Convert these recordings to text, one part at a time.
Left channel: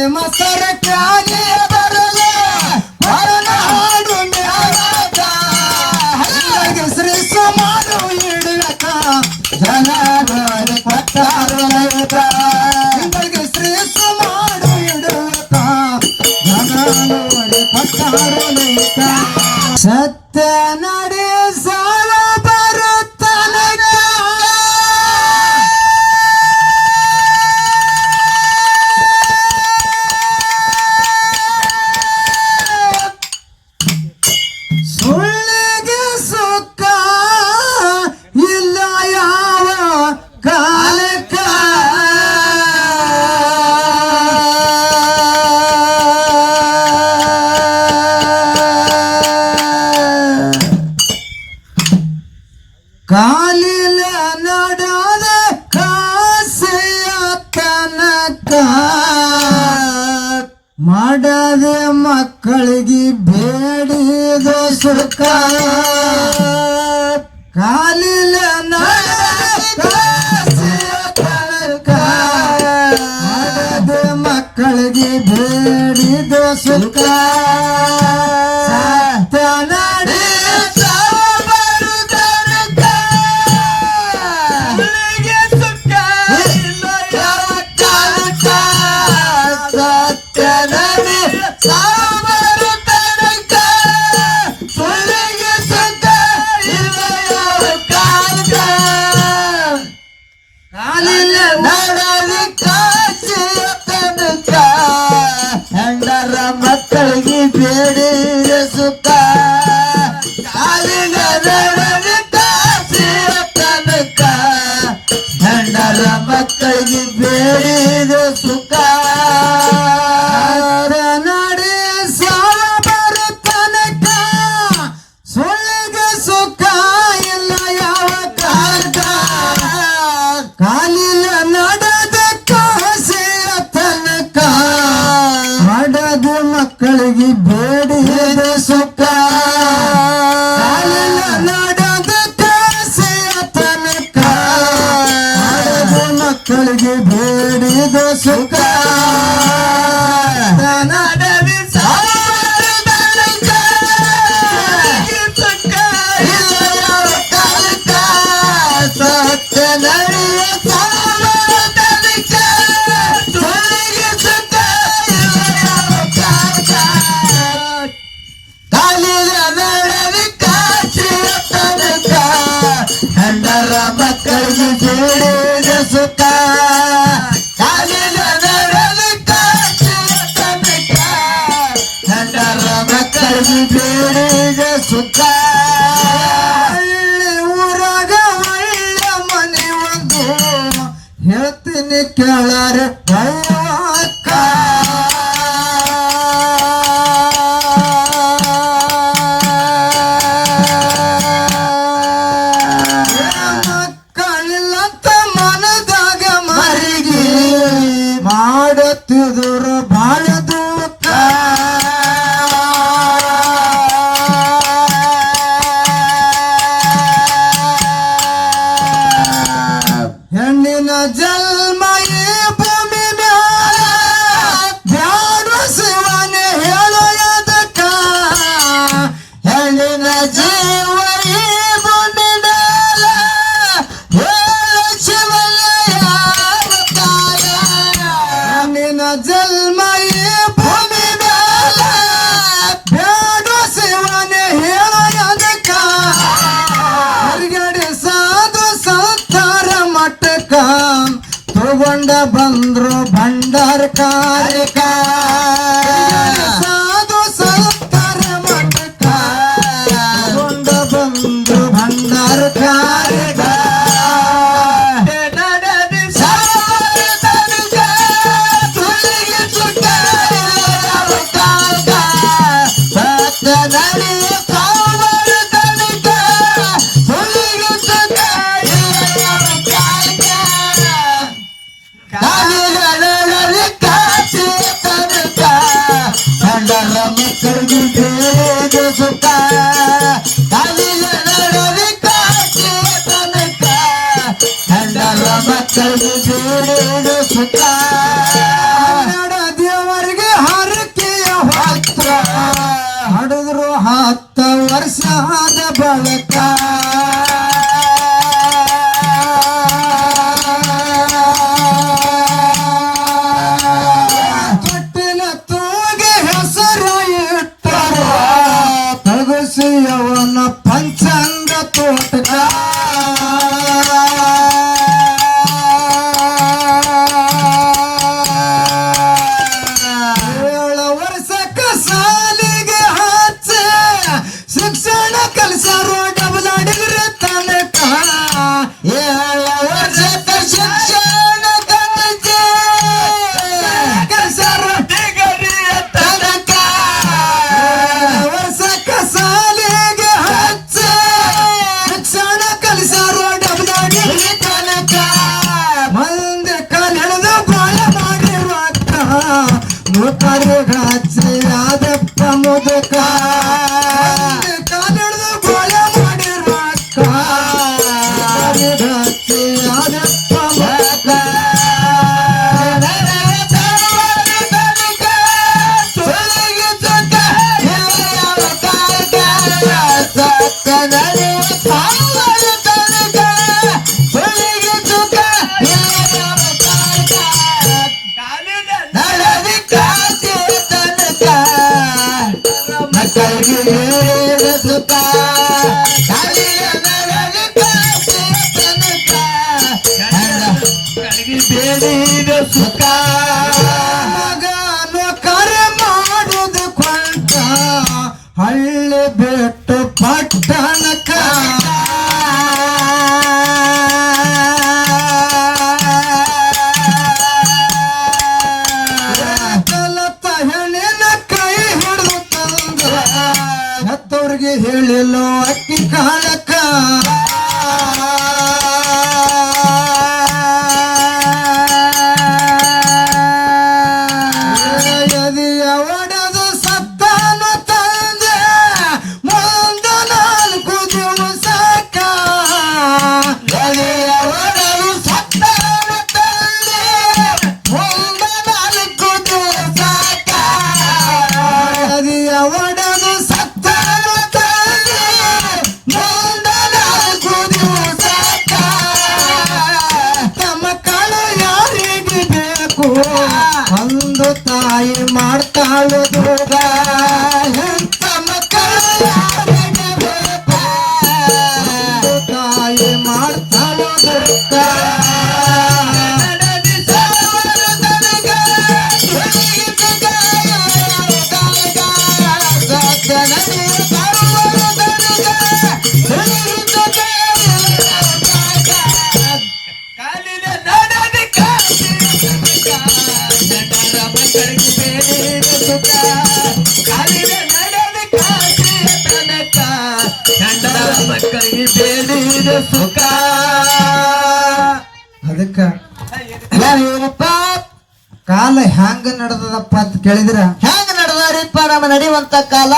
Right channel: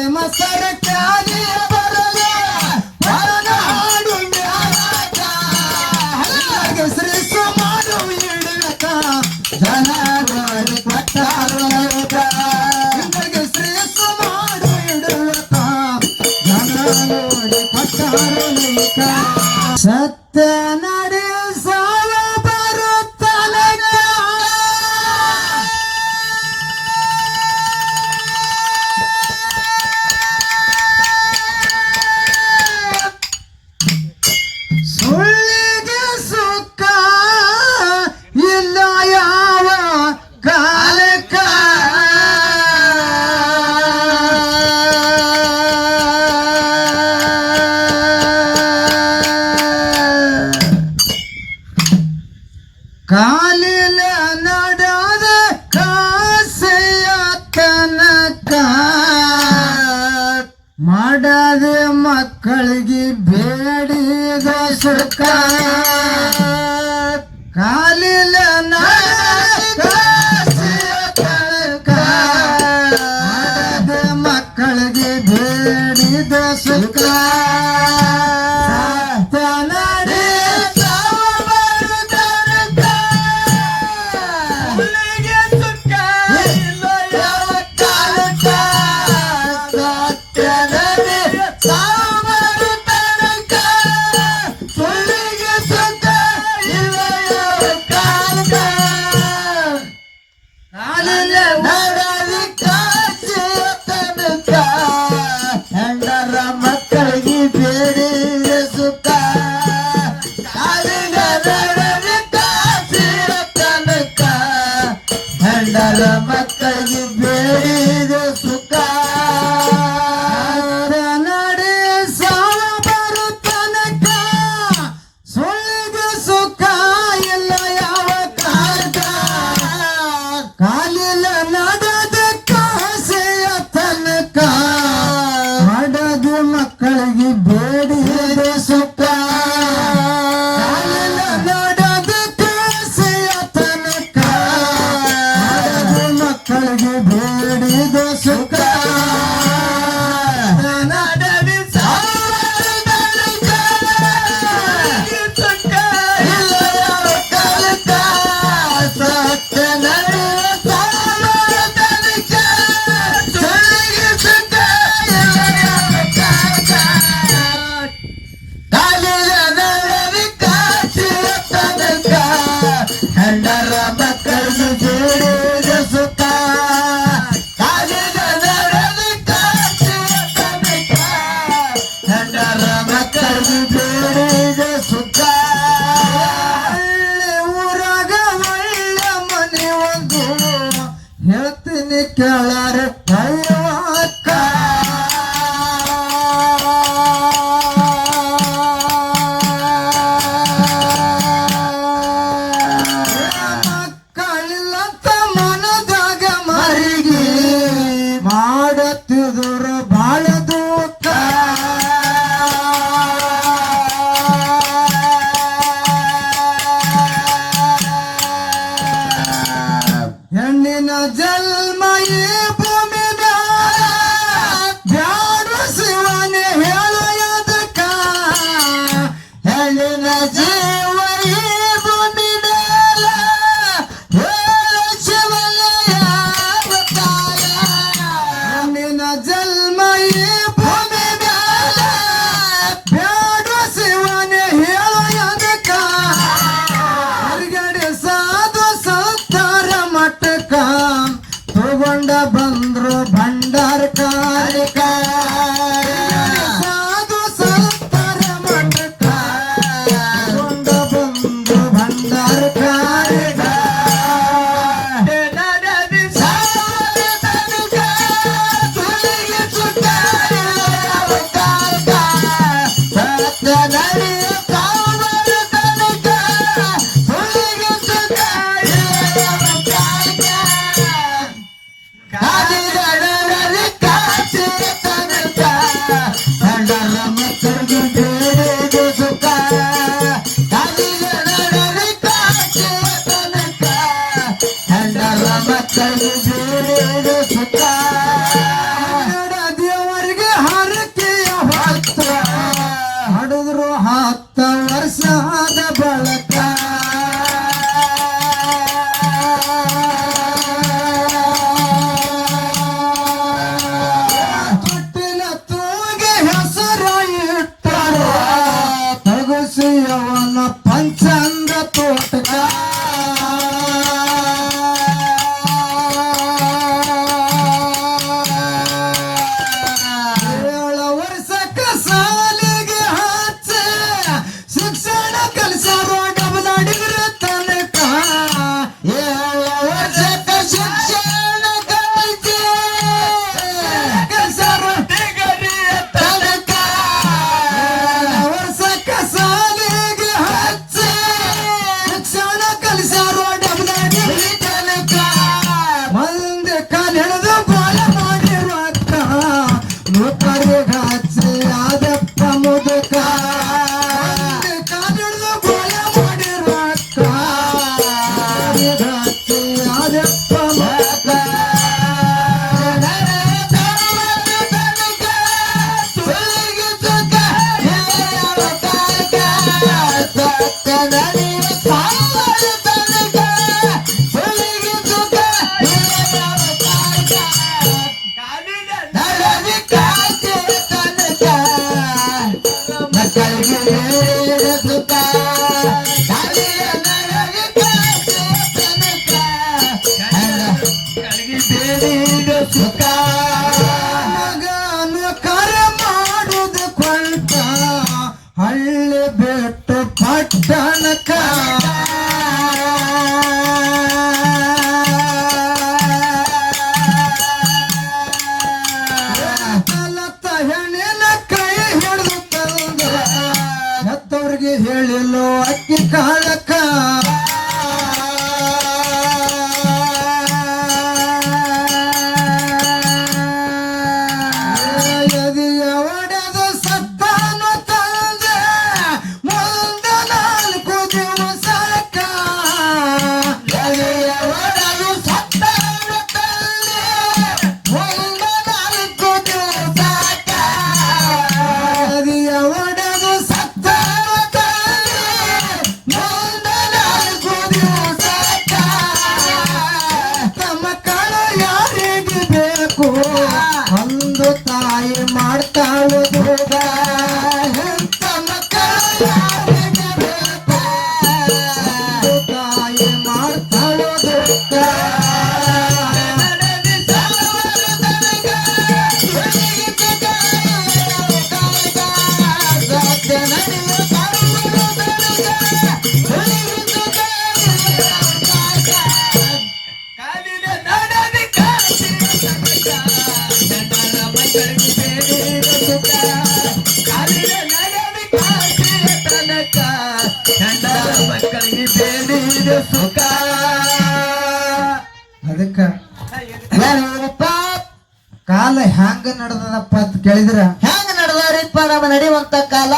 ಬಾಳೆ ಮಸರ ತಗೊಂಡ ಬಂದ್ರು ಭಂಡಾರ Hey, Hallelujah. ಅದಕ್ಕ ಕಾಲ ಹ್ಯಾಂಗ ನಡೆದದಪ್ಪ ಅಂತ ಕೇಳಿದ್ರ? ಹ್ಯಾಂಗ ನಡೆದಾರಿಪ್ಪ? ನಮ್ಮ ನಡೆಯುವಂತ ಕಾಲ?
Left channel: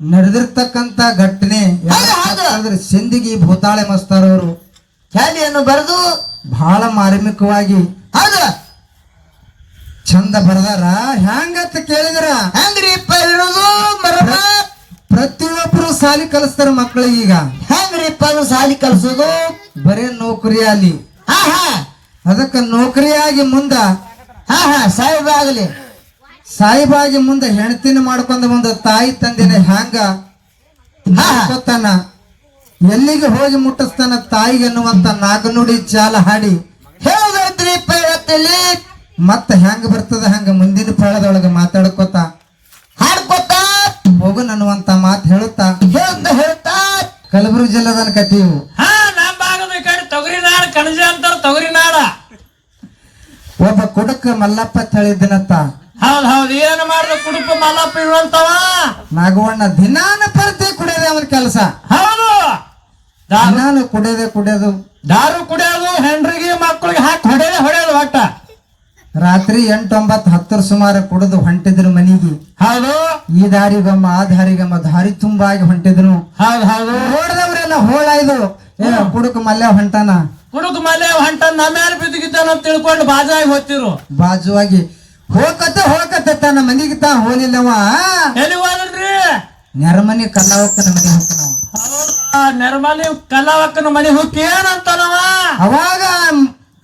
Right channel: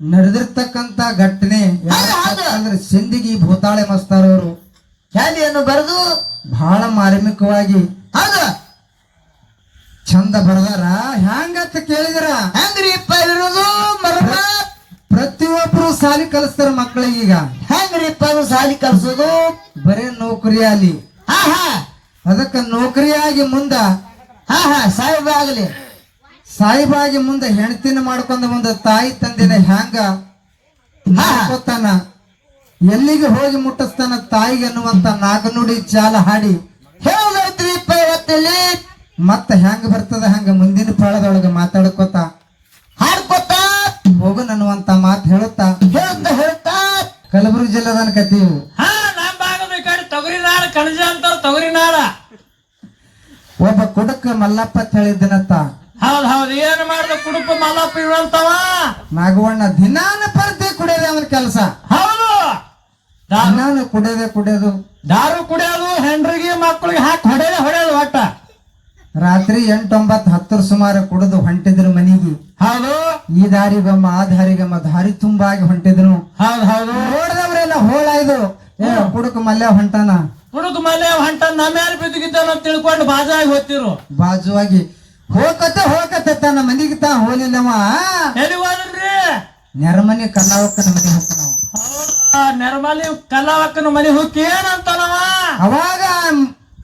ನಡೆದಿರ್ತಕ್ಕಂತ ಘಟನೆ. ಅಂದ್ರೆ ಸಿಂದಿಗಿ ಭೂತಾಳೆ ಮಸ್ತಾರವರು. ಶಾಲೆಯನ್ನು ಬರೆದು ಬಹಳ ಮಾರ್ಮಿಕವಾಗಿ ನೌಕರಿ ಅಲ್ಲಿ ಹಾ ಹಾ. ಅದಕ್ಕ ನೌಕರಿಯಾಗಿ ಮುಂದ ಹಾ ಹಾ ಸಾಹೇಬ ಆಗಲಿ. ಸಾಯಿಬಾಗಿ ಮುಂದ ಹೆಣ್ತಿನ ಮಾಡ್ಕೊಂಡು ಮುಂದ ತಾಯಿ ತಂದಿನ ಹ್ಯಾಂಗ ಎಲ್ಲಿಗೆ ಹೋಗಿ ಮುಟ್ಟಿಸ್ತಾನ ತಾಯಿಗೆ ಅನ್ನುವಂತ ನಾಗನುಡಿ ಜಾಲ ಹಾಡಿ. ಮತ್ತ ಹೆಂಗ ಬರ್ತದ ಹಂಗ ಮುಂದಿನ ಪ್ರಾಳದೊಳಗ ಮಾತಾಡ್ಕೋತ. ಹಾಡ್ಕೊತ. ಹೋಗು ಅನ್ನುವಂತ ಮಾತು ಹೇಳುತ್ತಾ. ಹೇಳ್ತಾ ಕಲಬುರಗಿ ಜಿಲ್ಲದನ ಕತೀವು ಒಬ್ಬ ಕುಡುಕ ಮಲ್ಲಪ್ಪ ತಳಿದಿನತ್ತ. ಹೌದ್ ಹೌದ್ ಏನ್ ಮಾಡ್ದ ಕುಡುಕ ಮಲ್ಲಪ್ಪ ಇವಂತವ ನಾಗವಣ್ಣ ದಿನಾನ ಪರತೆ ಕುಡಿದೆ ಅವನ ಕೆಲಸ. ಹೌದು. ದಾರು ದಿನಾನು ಕುಡಿಯೋದೇ ಕುಡಿಯೋದು. ದಾರು ಕುಡಿಯೋದು ಹೆಂಡ್ರಿಗೆ ಮಕ್ಕಳಿಗೆ ಹಾಕಿ ಹೊಡೆಯೋದು ಹೊಡೆಯೋದು ಒಟ್ಟ. ರಾತ್ರಿ ಎಂಟೊಂಬತ್ತು ಹತ್ತರ ಸುಮಾರು ಕುಡಿದು ಹೊಂಟಿದ್ರು ಮನೆಗೆ. ಹೌದು. ಈ ದಾರಿಗಮ್ಮ ಆ ದಾರಿಗಮ್ಮ ದಾರಿ ತುಂಬಾಗಿ ಹೊಂಟಿದ್ರು ಹೌದು ಹೌದು. ನೋಡಿದವ್ರೆಲ್ಲ ಹೋಳಾಯ್ದು ಏ ಕುಡುಕ ಮಲ್ಯ ಹೊಂಟಾನ? ಕುಡುಕ ಮಲೆ ಹೊಂಟ ನಮ್ಮ ಬಿದ್ದಿದ್ದಾನ ಅಂತ ತಿಳ್ಕೊಂಡು ಬಾಜಾಗಿ ಹೋಗ್ತಿರು. ಬಾಜುವಾಗಿ ಹೋಗತ್ತೆ ಹೋಗತ್ತೆ ತನ್ನ ಮನಿಗೆ ತಾ ಹೋಲಿಲ್ಲವ ಎಲ್ಲಿ ಹೋದ್ರಿ? ನೆರಮನಿ ಕಲ್ಲಾವಕ್ಕನ ಮನೆ ಹೋಗ್ತಾನ ಹೌದಾ? ನೆರ್ಮಲಿ ಕಲ್ಲವಕ್ಕನ ಮನೆ ಹೋಗಿ ಏನಂತಾನವ? ಅವಾಗ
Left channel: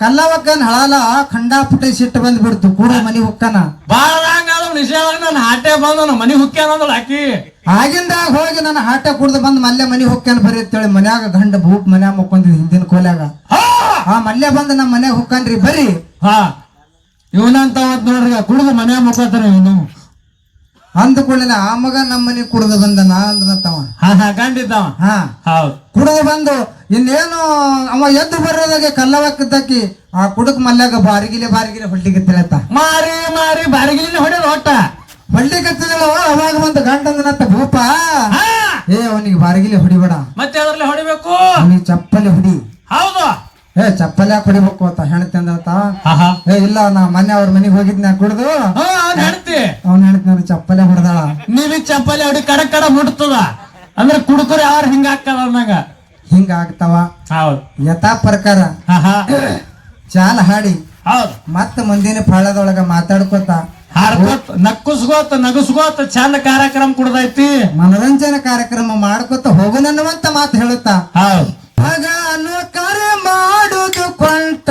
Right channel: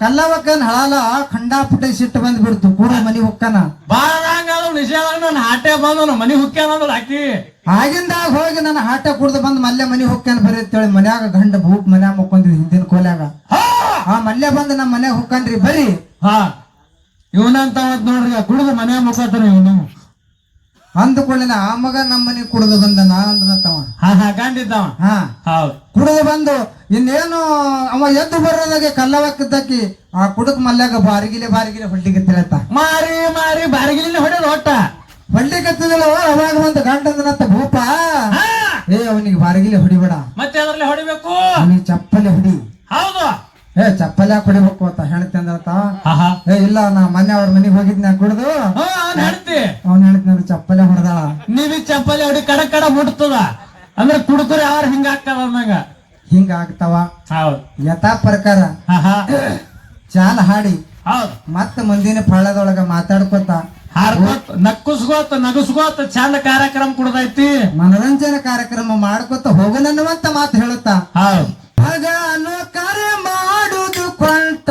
ಕಲ್ಲವಕ್ಕನ ಹಾಲ ಖಂಡಾಪುಟೆ ಸಿಟ್ಟು ಬಂದ್ಬಿಡ್ತು ಕೂಡ ಮನೆ ಹೊಕ್ಕನ ಬಾಳ ನಿಜ ನಿಷೇಧ ನನ್ನ ಹಾಟೆ ಬಂದ ಮನೆ ಹುಕ್ಕಿ ಅನ್ನೋದು ಹಾಕಿ ಆಗಿಂದಾಗ ಹೋಗಿ ನನ್ನ ಹಾಟ ಕುಡ್ದು ಬಂದು ಮಲ್ಯ ಮನಿ ಹೊಕ್ಕನ ಬರೀ ಅಂತೇಳಿ ಮನ್ಯಾಗ ಗಂಡ ಭೂಟ್ ಮನ್ಯಾಗ ಮುಕ್ಕೊಂದ್ರಿ ಹಿಂದಿನ ಕೋಲ್ಯಾಗ. ಆ ಮಲ್ಲೆ ಬಂದು ನಮ್ಮ ಮನೆಗೆ ಹೊಕ್ಕನ್ರಿ ಬರ್ರಿ. ಹಾ. ಇವನಂತ ನೋಡ್ರಿ ಕುಡಿದು ಮನೆ ಮುಖಾತಾರ ಇವನು. ಅಂದುಕೊಳ್ಳಿನ ಆ ಮಗ ನಮ್ಮ ಮನೆಗೆ ಕುಡ್ದ ಬಂದ ನಾ ಹಾ ಹಾ ಗಂಡಿದ್ದವ ಹಾ. ಹೌದು. ಕುಡಿದು ಬಂದು ಇನ್ನೇನು ಅವ ಎದ್ದು ಬರೋದಾಗೆ ಕಲ್ಲವಕ್ಕದಕ್ಕಿ ಆ ಕುಡುಕ್ ಮಲ್ಯಾಗ ಬಾರಿಗಿಲೆ ಬಾರಿಗಿಲೆ ಹೊಟ್ಟಿಗೆ ತಿಳತ್ತ ಮಾರಿ ಮಾರಿ ಬಾರಿಗಿಲಿನ ಹೊಡೆದು ಒಟ್ಟ ಹೊಳ್ಳಿಗೆ ತಿಳವ ಅವಾಗ ಒಂದು ಗಂಡ ಅಂದನತ್ತ ಭೂಪ ಹಾ. ಏ ಅವನಿಗೆ ಬಾರಿಗಿಲಿ ಹೊಡಿಬೇಡ. ಮತ್ತೆ ಅದ್ರಲ್ಲಿ ಹೊಡಿಬೇಕು? ಅವನಿಗೆ ಚಪ್ಪಲಿ ಹೊಡಿ. ಹೌದು. ಏ ಚಪ್ಪಲಿ ಯಾಕೆ ಹೊಡಿಬೇಕು ಅಂತ ಹೆಣ್ತಿ ಅಂದ್ರತ ಏ ಇಲ್ಲ ನಾ ಮೊನ್ನೆ ಅವ್ರ ಮನೆಗೆ ಹೋಗಿದ್ನ ಕುಡ್ದು. ಹಾ ಹೆಣತಿ. ಅವ್ನ ಹೇಳ್ತಾನ ಚಪ್ಪಲೆ ಹೊಡೆದ. ನೀವಿ ಚಪ್ಪಲಿ ಹೊಡಿ ಕಡ ಕಡ ಮುಟ್ತದ. ಅಂದ್ರೆ ಕುಡುಕುರೆ ಯಾರು ಹಿಂಗ ಹಾಕದ ಅನ್ನಂಗ ಹಿಂಗ ಆಗ್ತಾವ. ಹೌದ್. ಯಥಾ ಪ್ರಕಾರ ಚಾಲ ಹಾಡಿ ಹೌದು. ಮತ್ತ ಮುಂದಿನ ಫಳದೊಳಗ ಮಾತಾಡ್ಕೊತ ಹಾಡ್ಕೋತ್ ನಕ್ಕುಸ್ಕೋತ ನಗಸ್ಕೋತ ಚಂದ ಕಾರ್ಯಕ್ರಮ ಕುಡ್ದೈತಿ. ಮನರಂಜನ ಕಾರ್ಯಕ್ರಮ ಮಾಡ್ಕೊತ ಹೋಗನನ್ನುವಂತ ಮಾತು ಹೇಳುತ್ತಾ? ಹೌದು. ಆಗ ಅನ್ನೋ ಕಾರ್ಯ ಮಾಡುದು ಕೊಂಟ?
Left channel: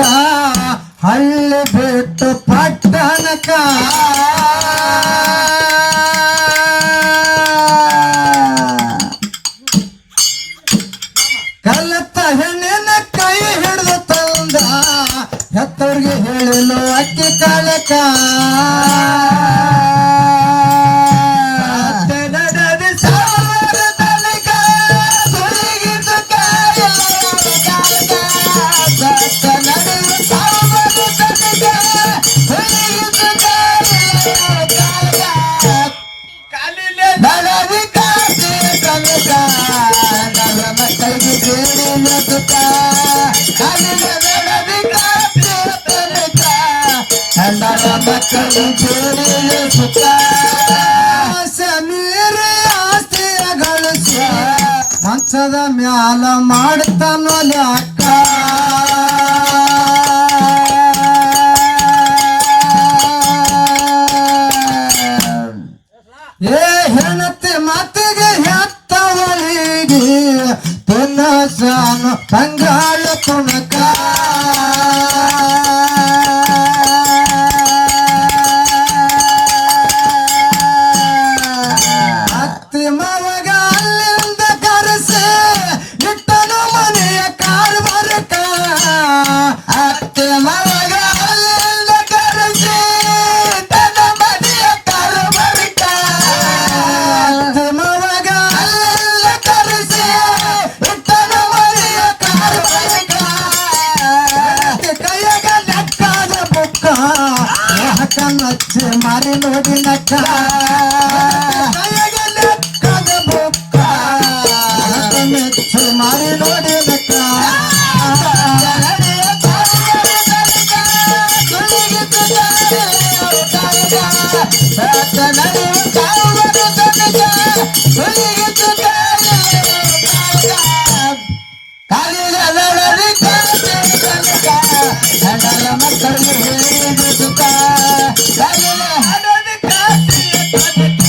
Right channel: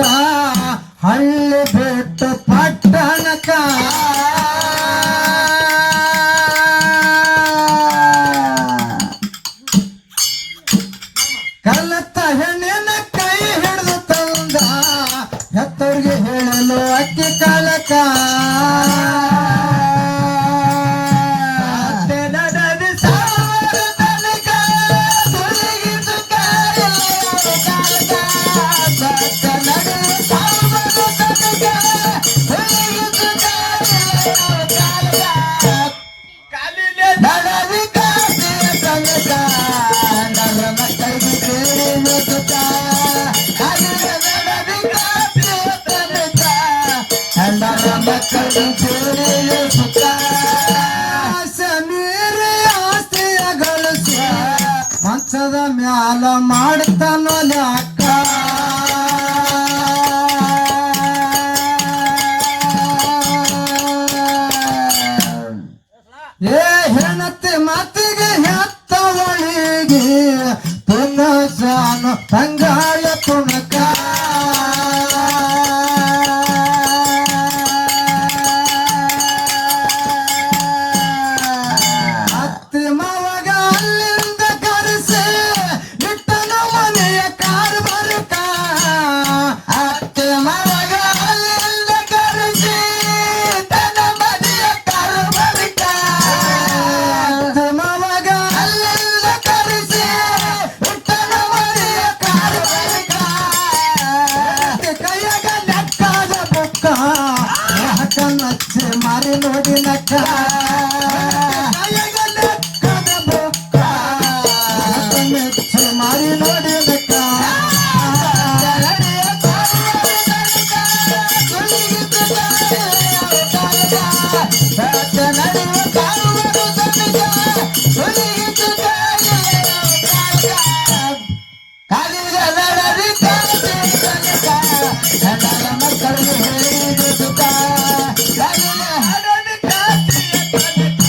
ಮ್ಯಾಲ ಮಾಡ್ತಾನೋ ಲ್ಯಾಕ Thank you.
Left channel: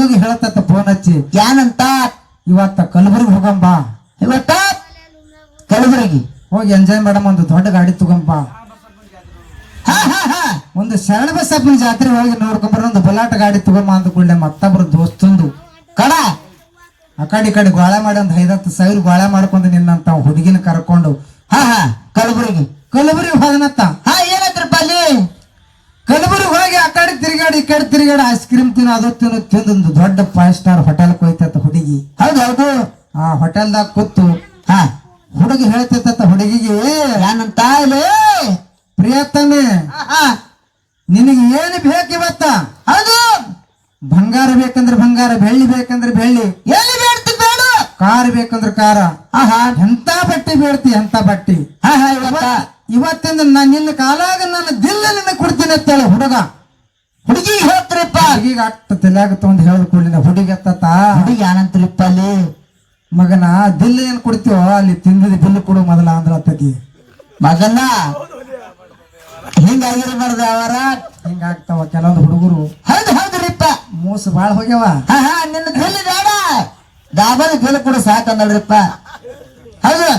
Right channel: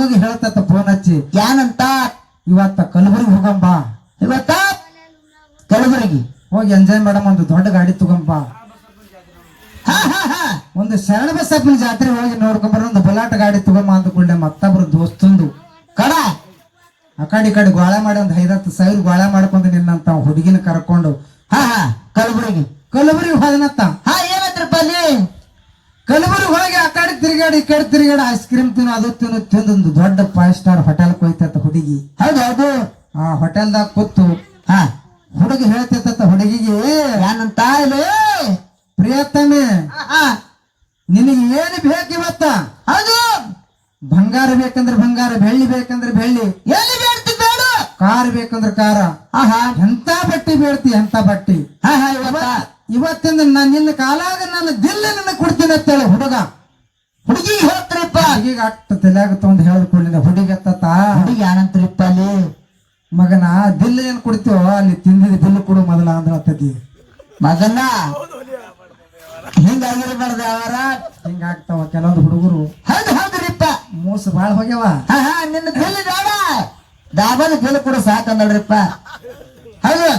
ಹುಡುಗಿಗೆ ಹೇಳತ್ತ ಫೋನ್ ಹಚ್ಚಿ ಏನಂತ ಇವತ್ತ ಕಲಬುರ್ಗಿ ಹೋಗಂಬ. ಇವತ್ತ? ಕಲಬುರಗಿ? ಹೋಗಿ ಎಂಜಾಯ್ ಮಾಡಮ್ಮ, ಒಂದು ದೊಡ್ಡ ಗಾಡಿ ತಗೊಂಬ ಒಂದು ಶರಣ ಬಸಪ್ಪನ ಜಾತ್ರೆ ಹೋಗಿ ನೋಡ್ಕೊಂಬರ ಒಂದು ಬಲಾಟ ಗಾಡಿ ತಗೊಂಬ ಅಂದ್ಕೊಂಡೆ ಮತ್ತೊಬ್ರು ದೋಸ್ತಂದು. ಕಡ! ಆ ಕಡೆ ಕಡೆ ಗೋಳೆ ಮಾಡಿ ಒಂದು ಐದತ್ತು ಸಾವಿರ ಗೋಳೆ ಮಾಡ್ಕೊಂಡು ನಿನ್ನಂತ ಹುಡುಗಿನ ಕರ್ಕೊಂಡು. ಹಾ ಹಾ, ಕಲಬುರಗಿ. ಕಲಬುರಗಿ ಹೋದನತ್ತ ಹಾ ಏನಂದ್ರಪ್ಪ ಅಲ್ಲಿ? ಕಲಬುರಗಿ ತಿರುಗಾಡಿ ಈ ಕಡೆ ತಿರುಗಾಡಿ ಐಸ್ ಕ್ರೀಮ್ ತಿನ್ನ ಅದು ತಿನ್ನು ತಿಂದೊಂದು ದೊಡ್ಡ ಫೈವ್ ಸ್ಟಾರ್ ಹೋಟೆಲ್ ಹೋಯ್ತತ್ತ ಹುಡುಗಿ. ಹೌದು ಹೌದು. ಆ ಹೋಟೆಲ್ದಾಗ ಕೂತು ಹಾ ಹುಡುಗಿ ಹೇಳ್ತೈತತ್ತ ಹುಡುಗಿಗೆ ನನ್ನ ತಾಯಿ ಪ್ರಿಯತಮೆ. ನಿನಗೆ ಏನು ಬೇಕು ಇವತ್ತ? ಹೌದು. ಬಂಗಾರ ಬೇಕಂದ್ರೆ ಬಂಗಾರ ಬೆಳ್ಳಿ ಬೇಕಂದ್ರೆ ಬೆಳ್ಳಿ. ಎಲ್ಲಿ ಬೇಡ್ತಿ ಬೇಡ. ಕಾರ್ ಬೇಕಂದ್ರೆ ಕಾರ. ಹಾ ಹಾ. ಎಂತ ಬಟ್ಟಿ ಬೇಡ್ತಿ ಎಂತ ಬಟ್ಟಿ? ಇವತ್ತಿಂದ ನಾನು ನಿನ್ನ ಕಾಲಾಗ ನನ್ನ ದಿಲ್ಲ ನಿನ್ನ ಕೊಡ್ತೀನಿ ಅಂತೇಳಿ ಹುಡುಗ. ಹುಡುಗಿ ಹೇಳ್ತ್ರಿಪ್ಪ. ಹುಡುಗಿಗೆ ಅಟ್ಟ ತಲೆಯಾಗ ತಗೊಂಡು ಹೇಳ್ಕೊಳ್ಳಿನ ಹುಡುಗಿ ಅತ್ತ ಹುಡುಗಿ ಯಾರಂತ್ರಿಪ್ಪ ಅಲ್ಲಿ ಮಗನ ದಿಲ್ ಏನ್ ಕೊಡ್ತೀವೋ ಅಲ್ಲಿ ತಿಂದಿದ ಬಿಲ್ ಕೊಡು ಮೊದಲ ಅಂದ್ರ ಅತ್ತತಿ ಮಗನ? ಹಿಂಗಾಗಿರ್ಬಾರ್ದು ಅವರ. ಹಿಂಗಾಗ್ತಾವ ಕೆಲವೊಂದು ಹುಡುಗರು. ಹೌದು ಹೌದ್ರಿಪ್ಪ. ಮೋಸ ಬಾಳ ಹೋಗ್ಯಾವ. ನಿನ್ನ ದಿಲ್ ಬೇಡ. ಡಾಬರ್ ಬಿಲ್ ಕೊಡು ಸಾಕಂದಳ್ರಿಪ್ಪ ಹೌದು.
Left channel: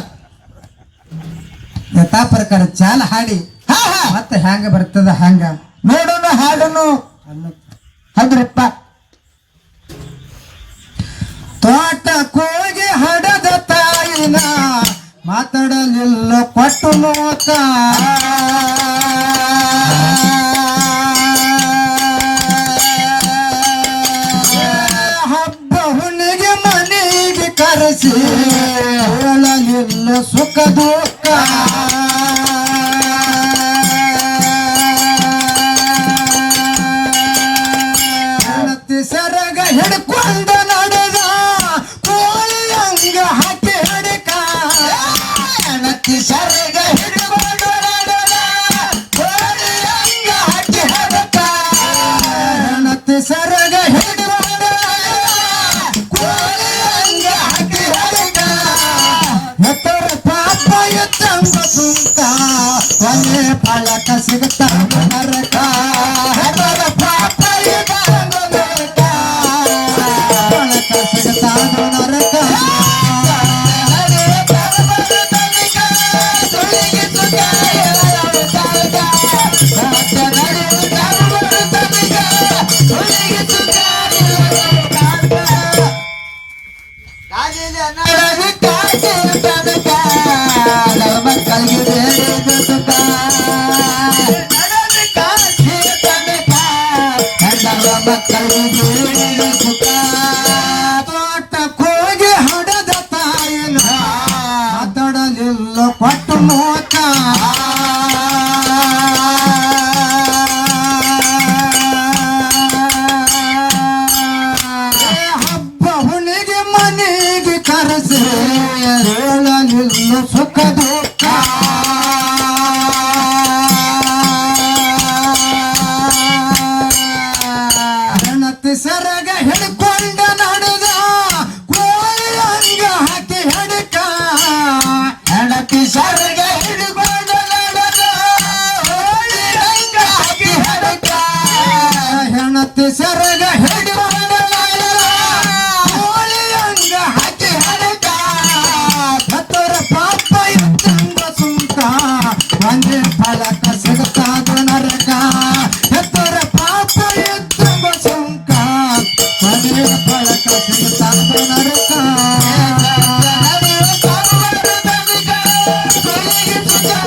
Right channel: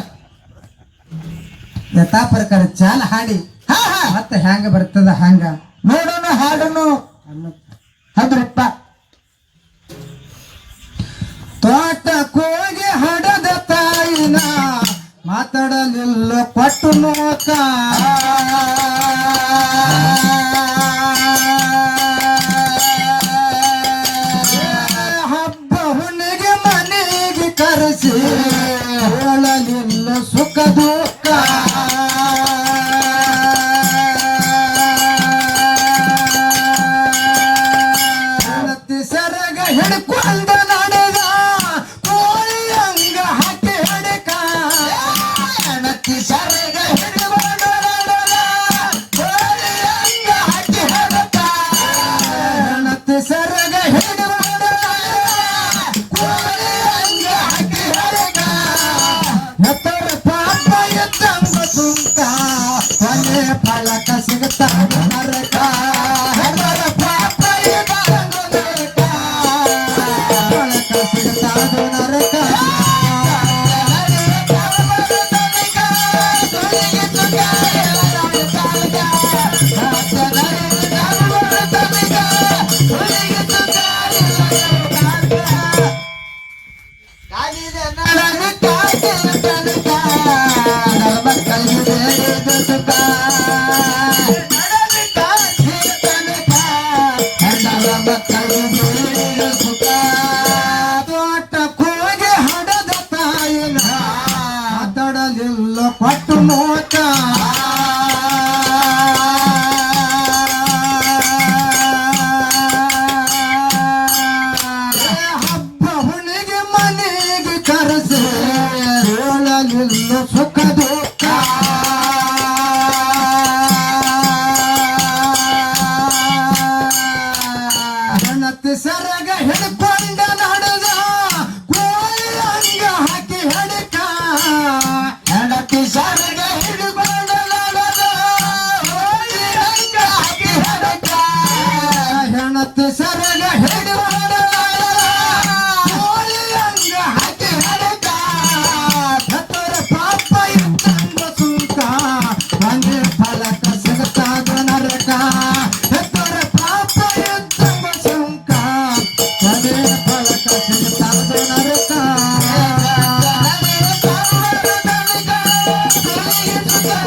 ಯಥಾ ಪ್ರಕಾರ ಚಾಲ ಹಾಡಿ. ಹಾ ಹಾ. ಮತ್ತೆ ಹ್ಯಾಂಗ ಬರ್ತದ ಹಂಗ ನೋಡೋಣ ಹಾಡನ್ನು ಅಂದ್ರಪ್ಪ ತೋಟ ಕೋಗಿ ಹಡದ ತಾಯಿನ ಮಾತಾಡಲಿಲ್ಲ ಪಟ್ಟು ಮೋಕ. ಹಬ್ಬ ಹುಣ್ಣಿಗೆ ಮನೆಗೆ ಕರೆಸಿ ಹೇಳಲಿಲ್ಲ ಸುಖ ಹೆಣತಿ ಸರಗ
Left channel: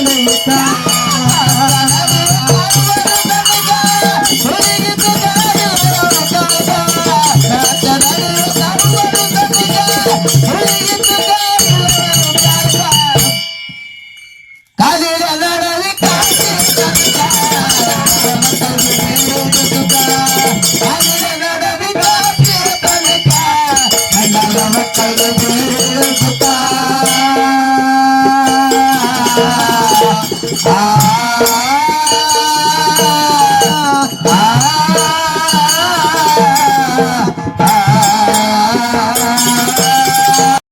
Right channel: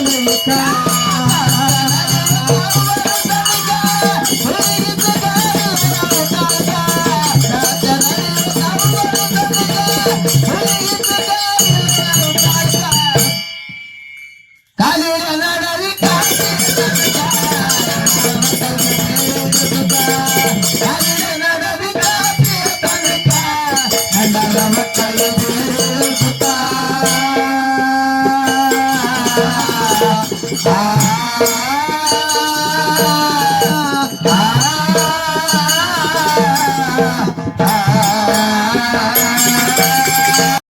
Namun.